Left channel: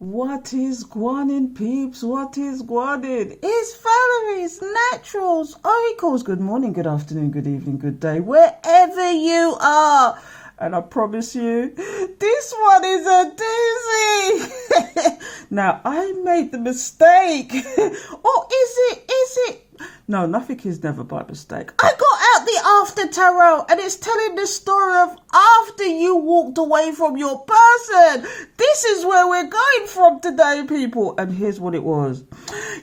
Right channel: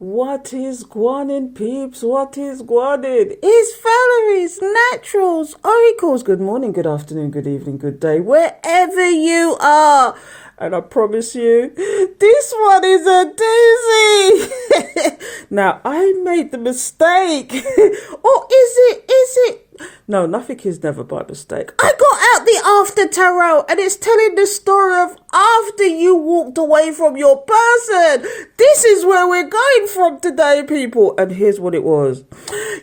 What is guanin, peeps? What is guanin? It's Valerie's Naturals Oracles. Good morning, good afternoon, good evening, good day, wherever you are. And I promise you, this one is a doozy. Now, I made the mistake. Or is it? No, nothing is never by mistake. I got out the after tarot and it's telling the story of after you walked away from your person. This is where we're going from today, people. And here's what it was.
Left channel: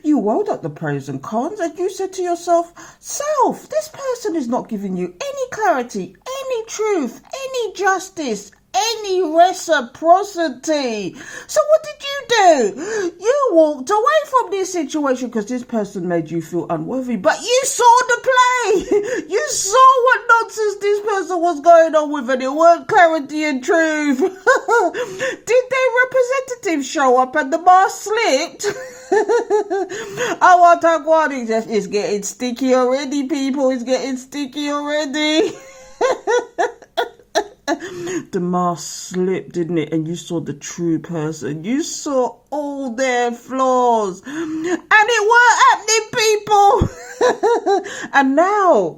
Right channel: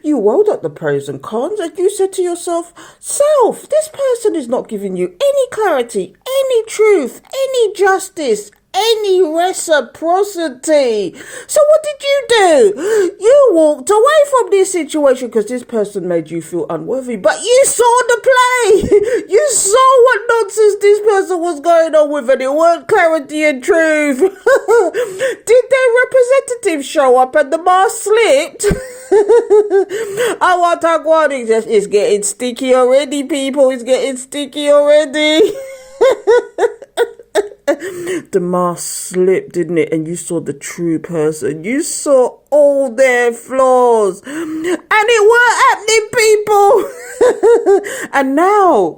You weighed up the pros and cons and you said to yourself, self, this person is not giving you any clarity, any truth, any justice, any reciprocity. So what did you do? You walked away from this situation because this person made you feel unworthy, but you saw the play. You saw what nonsense this person was going on with, and it weren't clarity and truth. Did their representative show up and the mask slipped? Oh, what a god, it's getting sticky already, people. It's getting sticky already. The mask slipped, didn't it? And you saw the true person. You saw all their flaws. And it weren't happening, people. And now,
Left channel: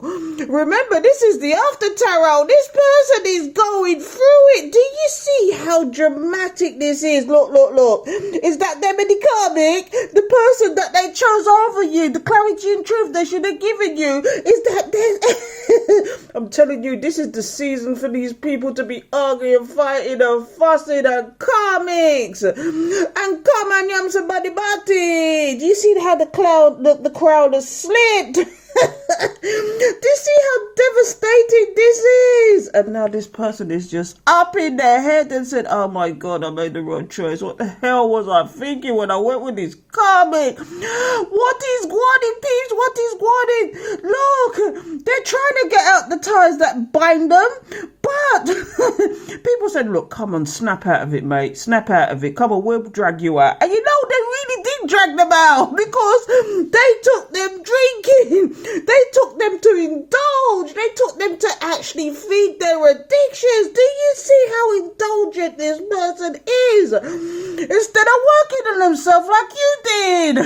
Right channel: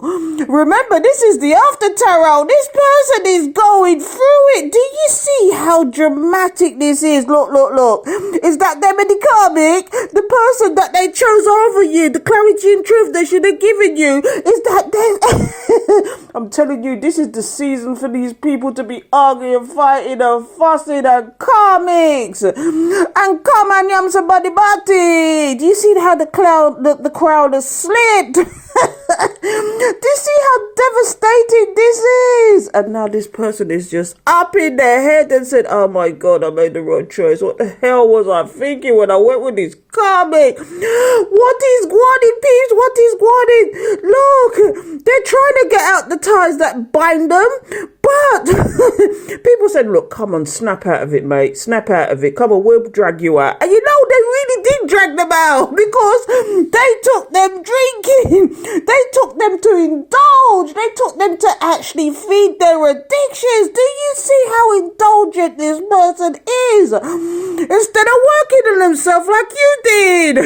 remember, this is the after tarot. This person is going through it. Do you see how dramatic this is? Look. Is that them in the comic? The person that they chose over you, the clarity and truth they should have given you, is that they... I'm telling you, this is the season for these people to be arguing, fighting and fussing and comics. And come on, yam somebody body. Do you see how the crowd has slipped? Do you see how devastating this is? And now this person is just up in their head and said, oh my God, I made the wrong choice. What the hell was I thinking when I went with this comic? What is guarding, peeps? What is guarding? Look, they're trying to get out the ties that bind them. But people said, look, come on, snap out of it, mate. Snap out of it. Come on, we'll drag you out. And you know, they really did drag them out because they took them drinking. They took them to indulge. They took them to actually feed their addictions. Do you see how indulgent this person is? Instead of working on themselves like you did.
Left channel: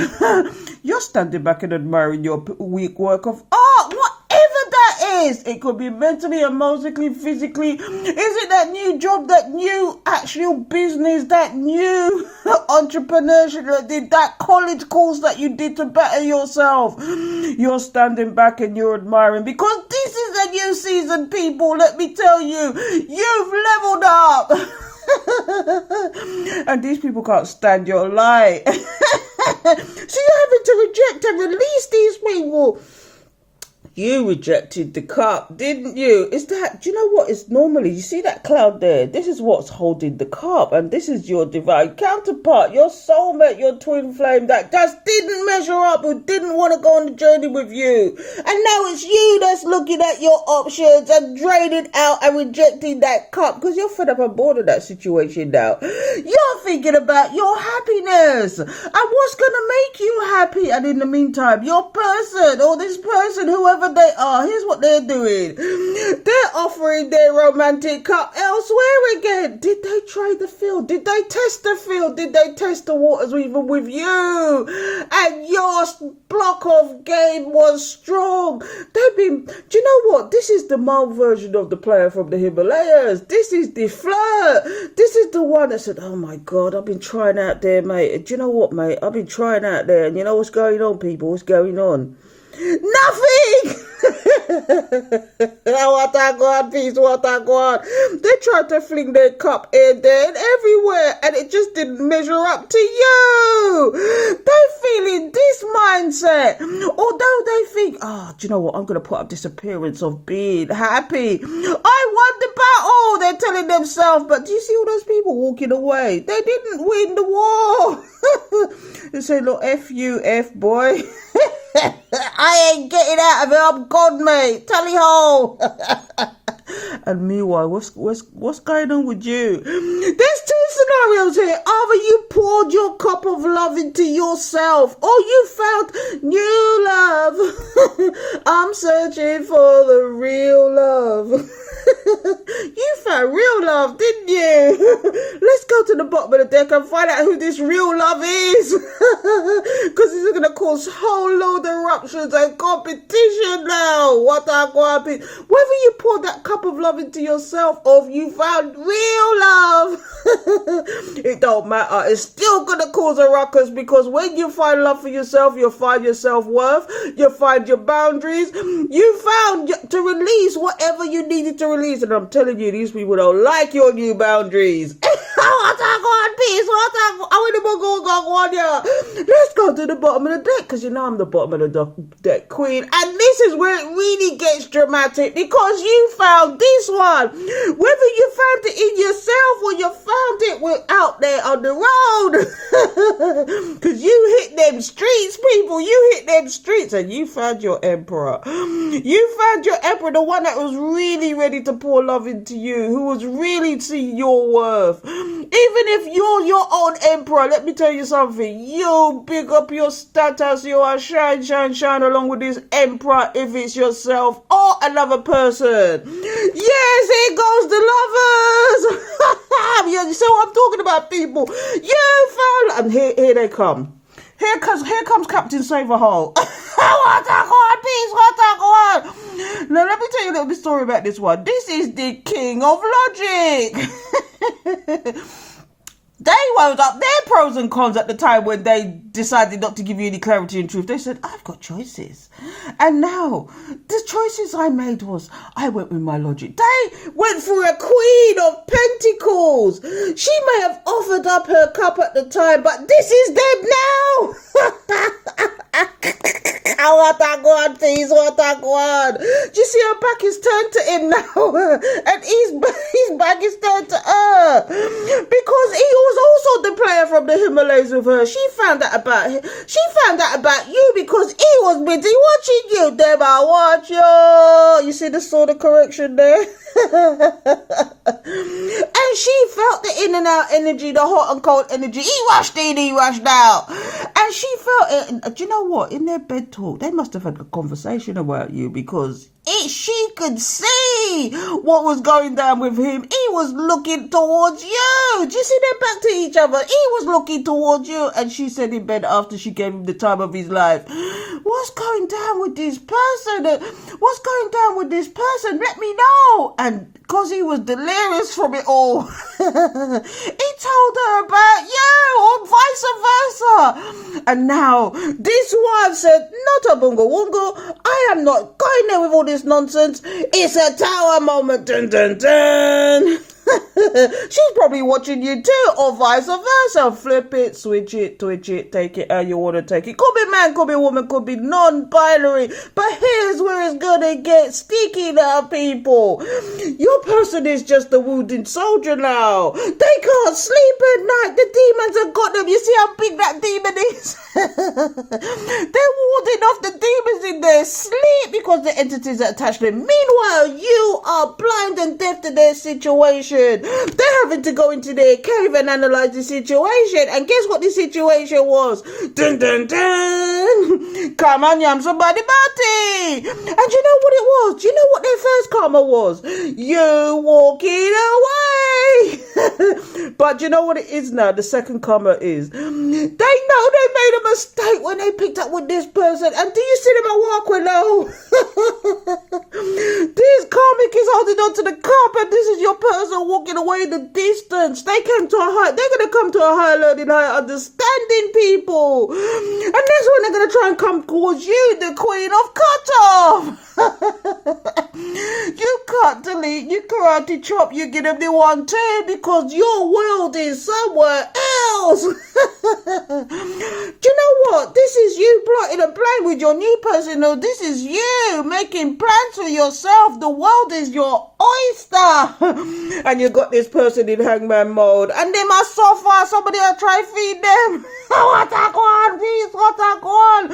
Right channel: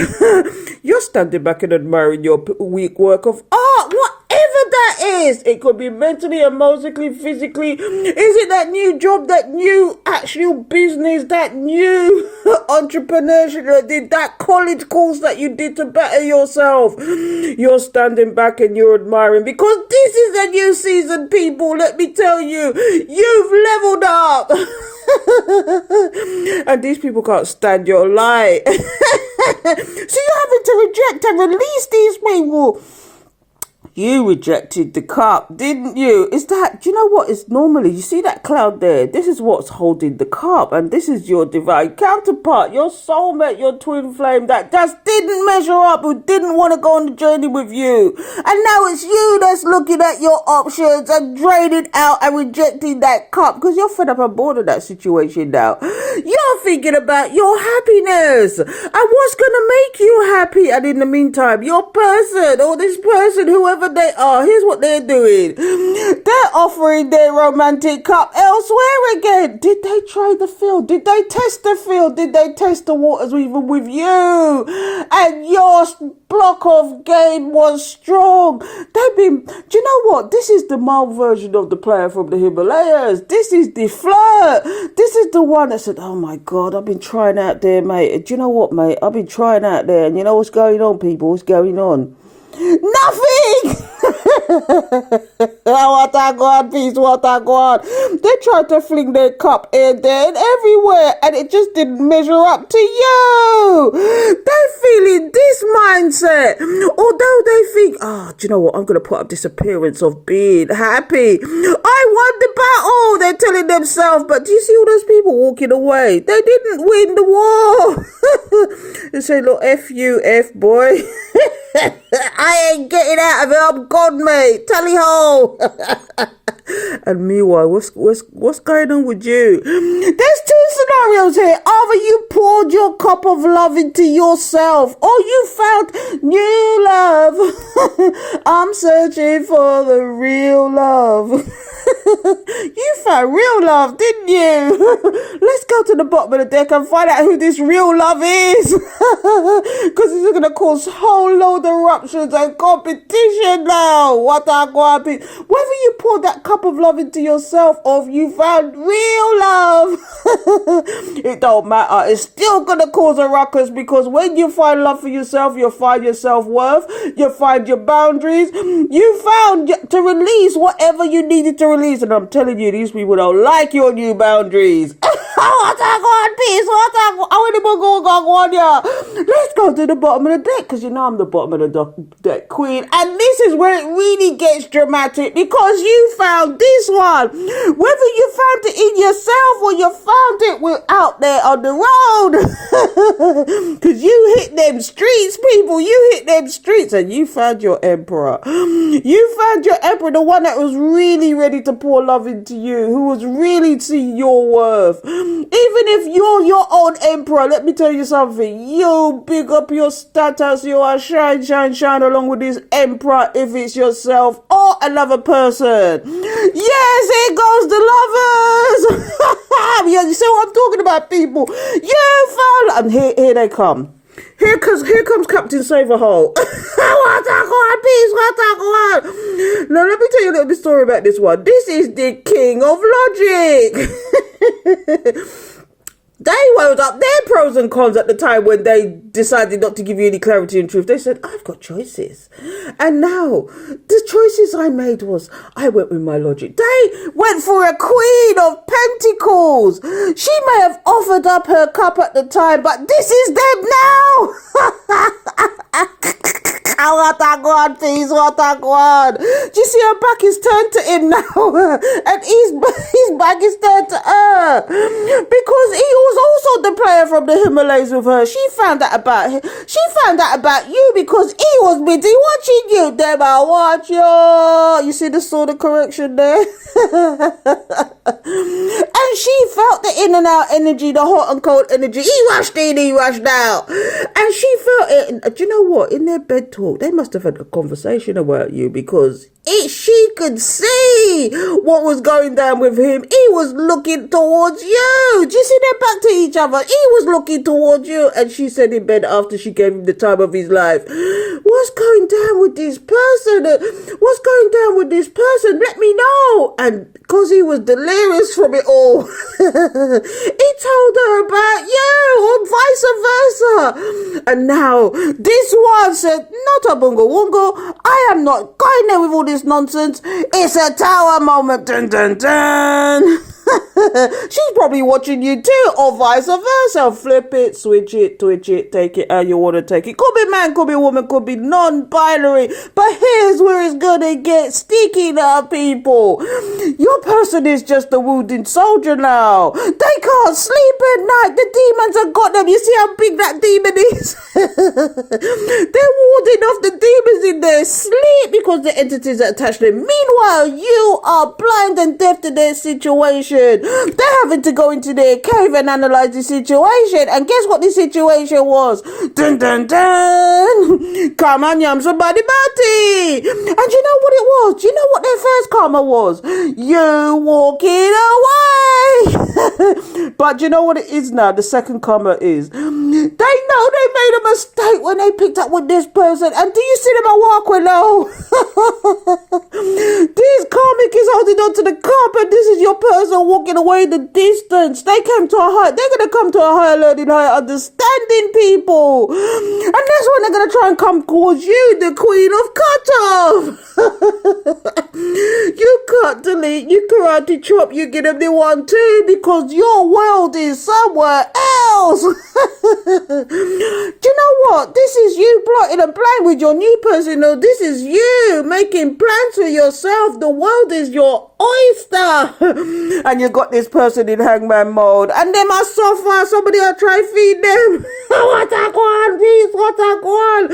You're standing back and admiring your weak work of art. Whatever that is. It could be mentally, emotionally, physically. Is it that new job, that new actual business, that new entrepreneurship that did, that college course that you did to better yourself? You're standing back and you're admiring because this is a new season, people. Let me tell you, you've leveled up. And these people can't stand your light. So you're having to reject and release these people. You rejected the cup, didn't you? Is that, do you know what? It's normally, you see that cloud there? This is what's holding the cup. And this is your divine counterpart, your soulmate, your twin flame that just didn't measure up, who didn't want to go on the journey with you. And now it's you that's looking at your options and draining out and rejecting that cup because you're fed up and bored of that situation now. You're thinking about your happiness and what's going to make you happy. And in the meantime, your person or this person, whoever they are, here's what they're doing. They're offering their romantic cup elsewhere again. Did they try the field? Did they test the field? Did they test the waters even with you? And your block of game was strong. They've been, do you know what? This is the mild version of the player from the Himalayas. This is the flirt. This is the one that said, oh my God, I've been trying out there, mate. Do you know what, mate? I've been trying out there. And you know what's going on, people? What's going on? Nothing. What a God, peace, what a God. They tried to fling their cup here, there, and everywhere, and it just didn't measure up to you. They're feeling this mindset, although they think, do you know what? I'm going to put up this appearance of being happy. I won the battle. They're telling themselves, but do you see all those people walking away? They didn't win the war. They say, look, F you, F boy. I ain't getting out of it. I'm gone, mate. Tally ho. And meanwhile, what's going on with you? There's two scenarios here. Either you pour poured your cup of love into yourself. Oh, you found new love. I'm searching for the real love. You found real love, didn't you? Let's go to the bottom of the deck and find out who this real love is. Because it's going to cause whole load of eruptions and competition now. What are going to be? Whether you pour that cup of love into yourself or if you found real love, it don't matter. It's still going to cause a ruckus, because when you find love for yourself, you'll find your self-worth, you'll find your boundaries, you found to release whatever you needed to release. And I'm telling you, these people don't like your new boundaries. Let's go to the bottom of the deck, because you know I'm the bottom of the deck queen, and this is where it really gets dramatic, because you found this one. Whether you found it in yourself or you found it out there on the road, because you hit them streets, people. You hit them streets, and you found your emperor. You found your emperor, the one that was really ready to pour love into you, who was really seeing your worth. Even if you're your own emperor, let me tell you something. You big up your status. You are shine, shine, shine along with this emperor, if it's yourself or another person. Yes, here goes the lovers. You see what I'm talking about, people? You found, and here they come. Here comes Captain Saverhole. Now, let me tell you a little bit story about this one. This is the king of logic. They weighed up their pros and cons at the time when they decided not to give you any clarity and truth. They said, I've got choices. And now, the choices I made was, I went with my logic. They went for a queen of pentacles. She may have offered up her cup at the time, but this is them now. What a God, please, what a God. Do you see her back is turned to him now? And his back is turned to her. Because he was also the player from the Himalayas with her. She found out about him. She found out about you because he was busy watching you. Them I watch you. You see the sort of correction there? And she felt the in and out energy, the hot and cold energy. He rushed in, he rushed out. And she felt it. And do you know what? In their bed talk, they must have had a conversation about you, because she could see what was going down with him. He was looking towards you. Do you see them back to each other? He was looking towards you. And she said in bed after she gave him the time of his life, what's going down with this person? What's going down with this person? Let me know. And because he was delirious from it all, he told her about you, or vice versa. And now this one said, not a bungo wongo. I am not going there with all this nonsense. It's a tower moment. Dun, dun, dun. She's probably watching you too, or vice versa. Flip it, switch it, twitch it, take it how you want to take it. Could be man, could be woman, could be non-binary. But here's where it's gonna get sticky now, people. Your person is just a wounded soldier now. They can't sleep at night. The demons have got them. You see how big that demon is? They're warding off the demons in their sleep because the entities are attached to them. Meanwhile, you are blind and deaf to their situation. They're having to go into their cave and analyze the situation. And guess what the situation was? Dun dun dun! Come on, yam somebody body. And you know what it was? Do you know what their first karma was? You walking away. But you know what it is now? The second karma is, they know they made a mistake when they picked up with this person. And do you see them at walk with now? This karmic is holding on to the cup, and this is your person walking away in the distance. They came to a high, they're going to come to a higher learning, higher understanding, people. And that's when they're going to try and come towards you, the queen of cutoff. You cut, delete, you karate chop, you get them the 1, 2, because your world is somewhere else. Do you know what? This is you plotting and playing with your new person. No, this is you making plans for yourself. The world is your oyster. And you got this person in hangman mode. And they must suffer. Somebody will try feed them. What a one, please, what a one.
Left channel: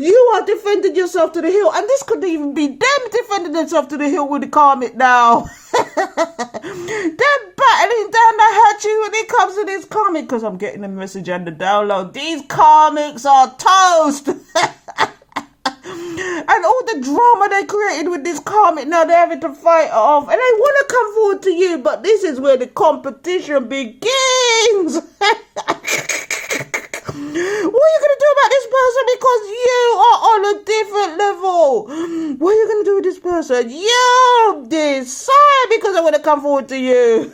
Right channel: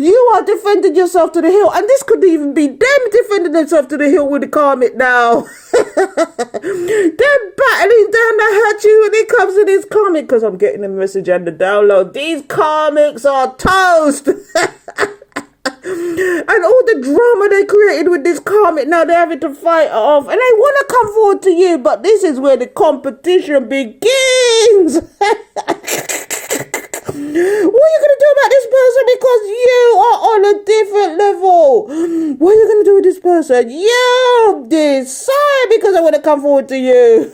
You are defending yourself to the hill. And this could even be them defending themselves to the hill with the karmic now. They're battling down to hurt you when it comes to this karmic. Because I'm getting a message and the download. These karmics are toast. And all the drama they created with this karmic, now they're having to fight it off. And they want to come forward to you, but this is where the competition begins. What are you going to do about this person? Because you are on a different level. What are you going to do with this person? You decide, because I want to come forward to you.